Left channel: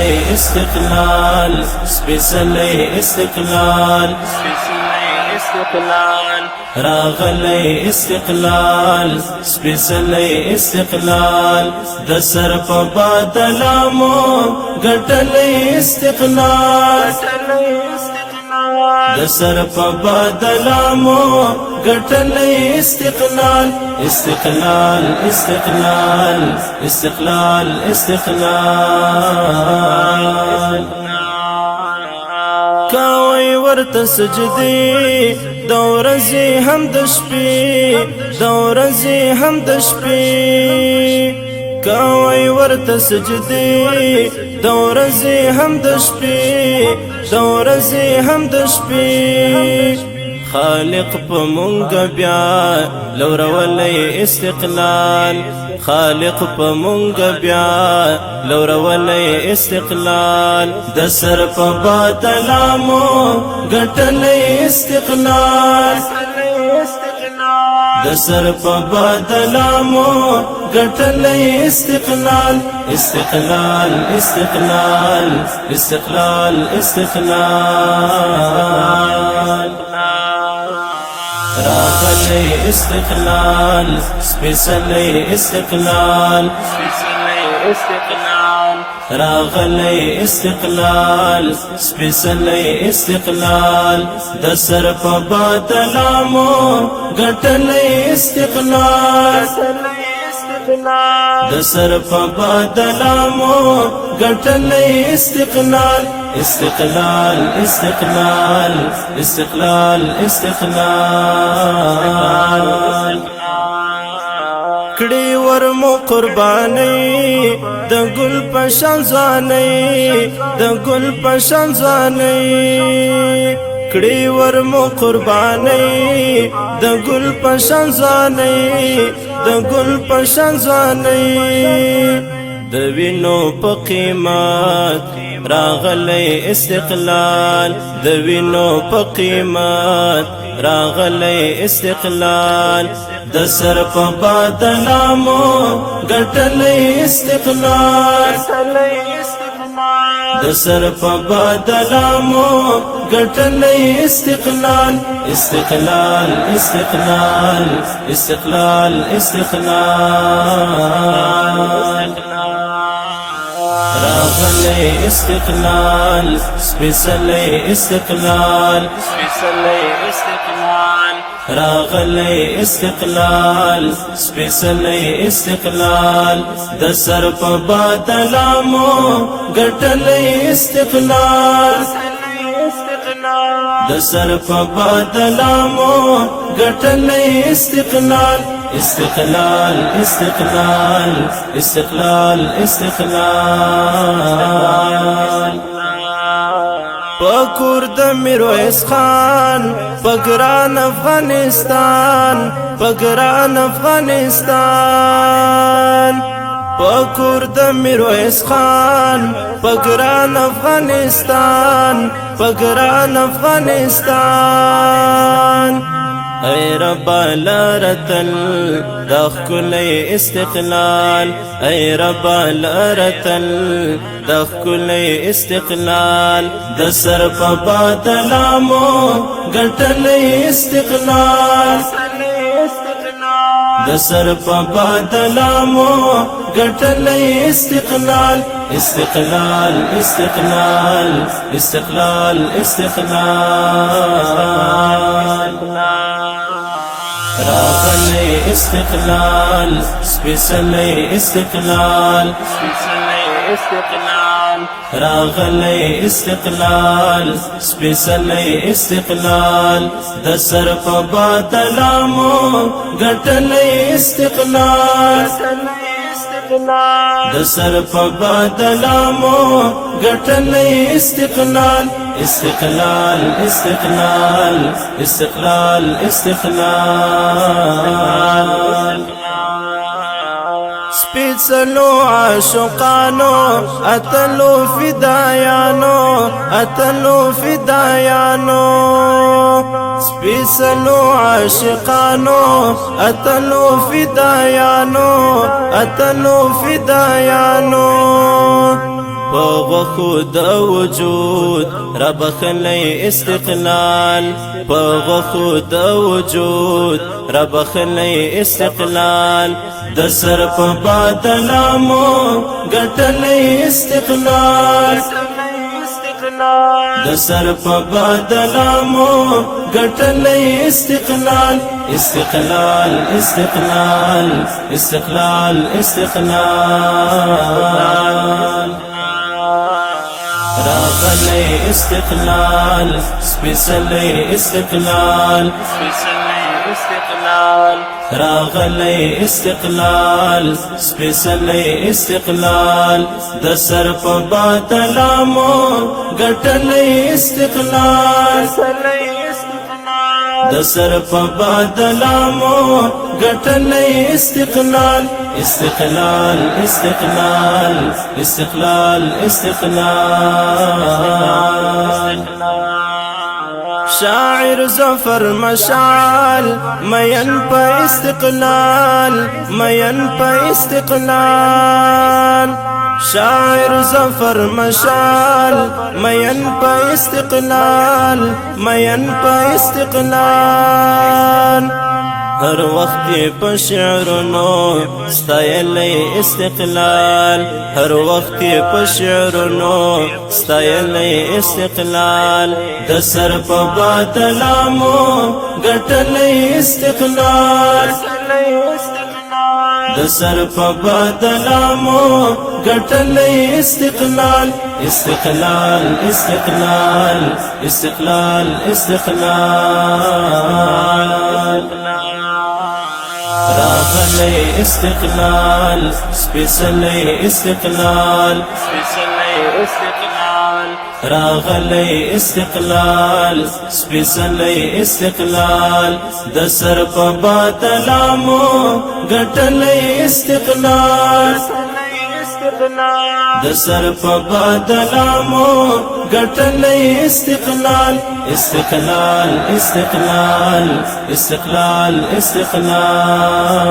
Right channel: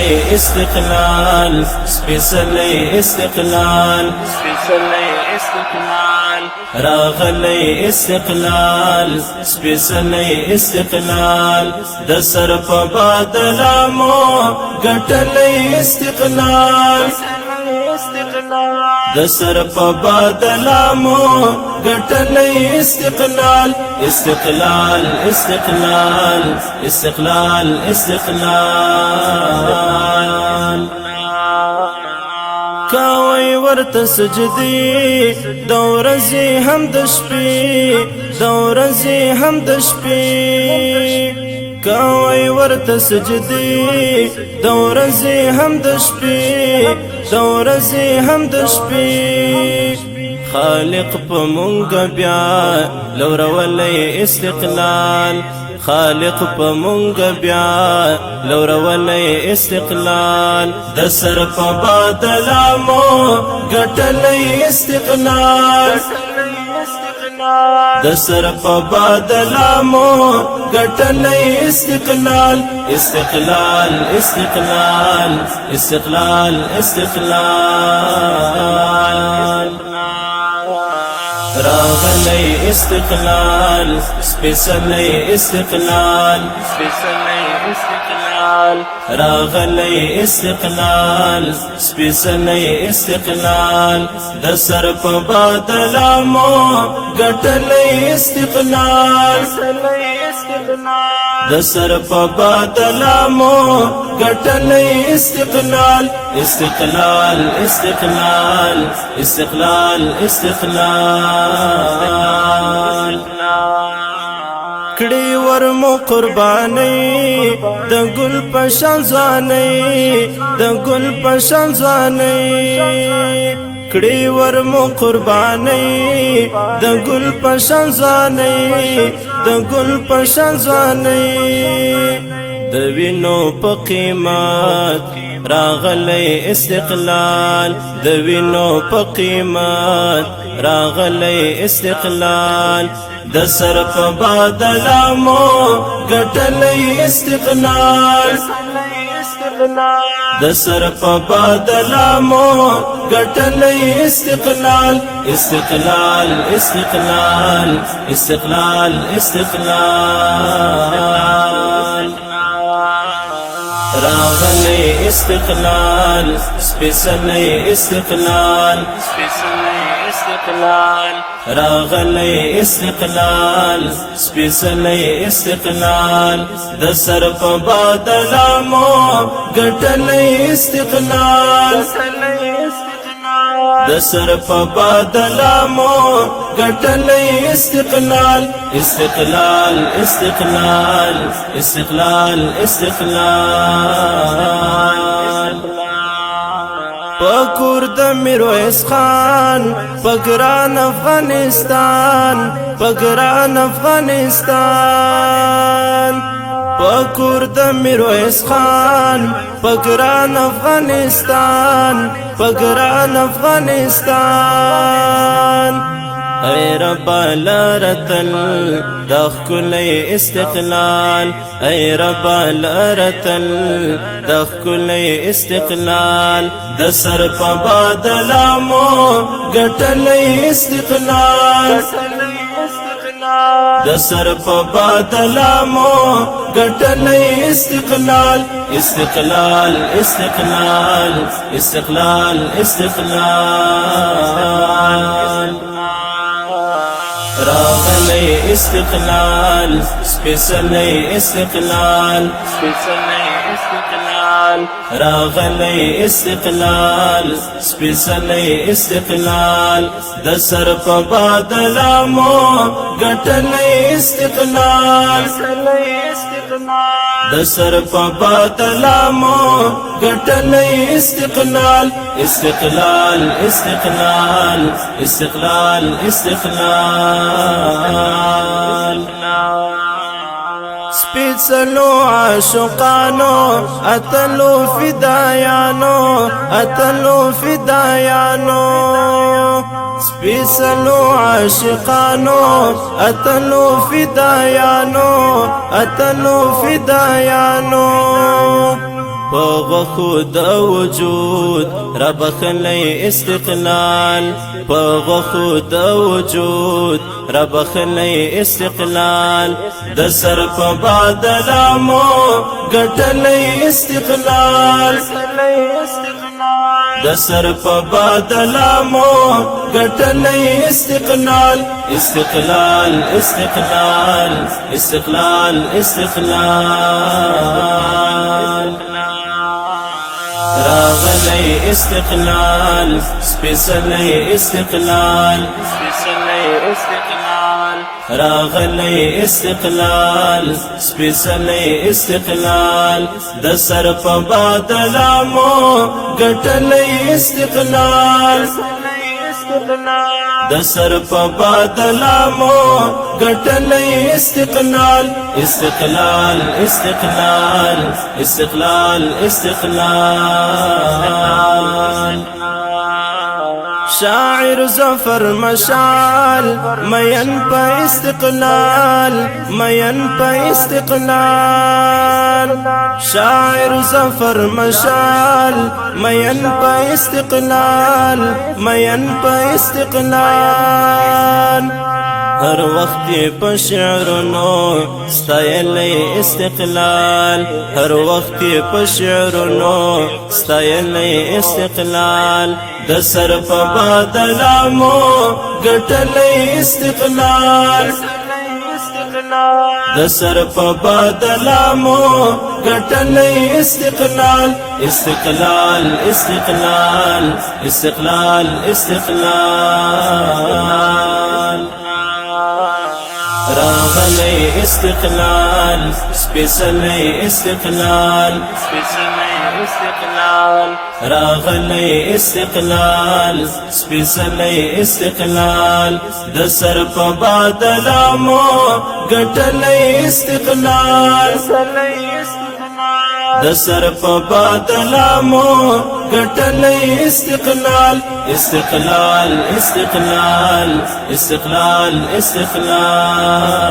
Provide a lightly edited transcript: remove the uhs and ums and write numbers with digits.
سپیڅلی استقلال سپیڅلی استقلال سپیڅلی استقلال راغلی استقلال سپیڅلی استقلال د سر په بادلامو ګټلی استقلال د سر په بادلامو ګټلی استقلال استقلال استقلال استقلال استقلال کاوی ورته سجدي د ورځې هم د شپې د ورځې هم د شپې کاوی ورته سجدي د ورځې هم د شپې د ورځې هم د شپې خالق په مونږ بیا لورولې استقلال خالق په مونږ بیا لورولې استقلال د سر په بادلامو ګټلې استقلال د سر په بادلامو ګټلې استقلال استقلال استقلال استقلال استقلال راغلی استقلال سپیڅلی استقلال سپیڅلی استقلال راغلی استقلال سپیڅلی استقلال د سر په بادلامو ګټلی استقلال د سر په بادلامو ګټلی استقلال استقلال استقلال استقلال استقلال کړي ورمو قرباني د ګل په شان ځاني د ګل په شان ځاني کړي ورمو قرباني د ګل په شان ځاني د ګل په شان ځاني د وینو په قیمت راغلی استقلال د وینو په قیمت راغلی استقلال د سر په بادلامو ګټلی استقلال د سر په بادلامو ګټلی استقلال استقلال استقلال استقلال استقلال راغلی استقلال سپیڅلی استقلال سپیڅلی استقلال راغلی استقلال سپیڅلی استقلال د سر په بادلامو ګټلی استقلال د سر په بادلامو ګټلی استقلال استقلال استقلال استقلال استقلال پکور د میرویس خان پګران افغانستان پګران افغانستان پکور د میرویس خان پګران افغانستان پګران افغانستان اے رب لرتل د ښکلی استقلال اے رب لرتل د ښکلی استقلال د سر په بادلامو ګټلی استقلال د سر په بادلامو ګټلی استقلال استقلال استقلال استقلال استقلال راغلی استقلال سپیڅلی استقلال سپیڅلی استقلال راغلی استقلال سپیڅلی استقلال د سر په بادلامو ګټلی استقلال د سر په بادلامو ګټلی استقلال استقلال استقلال استقلال استقلال سپیڅلو عاشقانو اتلو فدایانو اتلو فدایانو سپیڅلو عاشقانو اتلو فدایانو اتلو فدایانو په غوښو د وجود را بخلی استقلال په غوښو د وجود را بخلی استقلال د سر په بادلامو ګټلی استقلال د سر په بادلامو ګټلی استقلال استقلال استقلال استقلال استقلال راغلی استقلال سپیڅلی استقلال راغلی استقلال سپیڅلی استقلال د سر په بادلامو ګټلی استقلال د سر په بادلامو ګټلی استقلال استقلال استقلال استقلال استقلال شاعر ظفر مشعل مین په استقلال مین په استقلال شاعر ظفر مشعل مین په استقلال مین په استقلال هر وخت په شعرونو ستایلی استقلال هر وخت په شعرونو ستایلی استقلال د سر په بادلامو ګټلی استقلال د سر په بادلامو ګټلی استقلال استقلال استقلال استقلال استقلال راغلی استقلال سپیڅلی استقلال راغلی استقلال سپیڅلی استقلال د سر په بادلامو ګټلی استقلال د سر په بادلامو ګټلی استقلال استقلال استقلال استقلال استقلال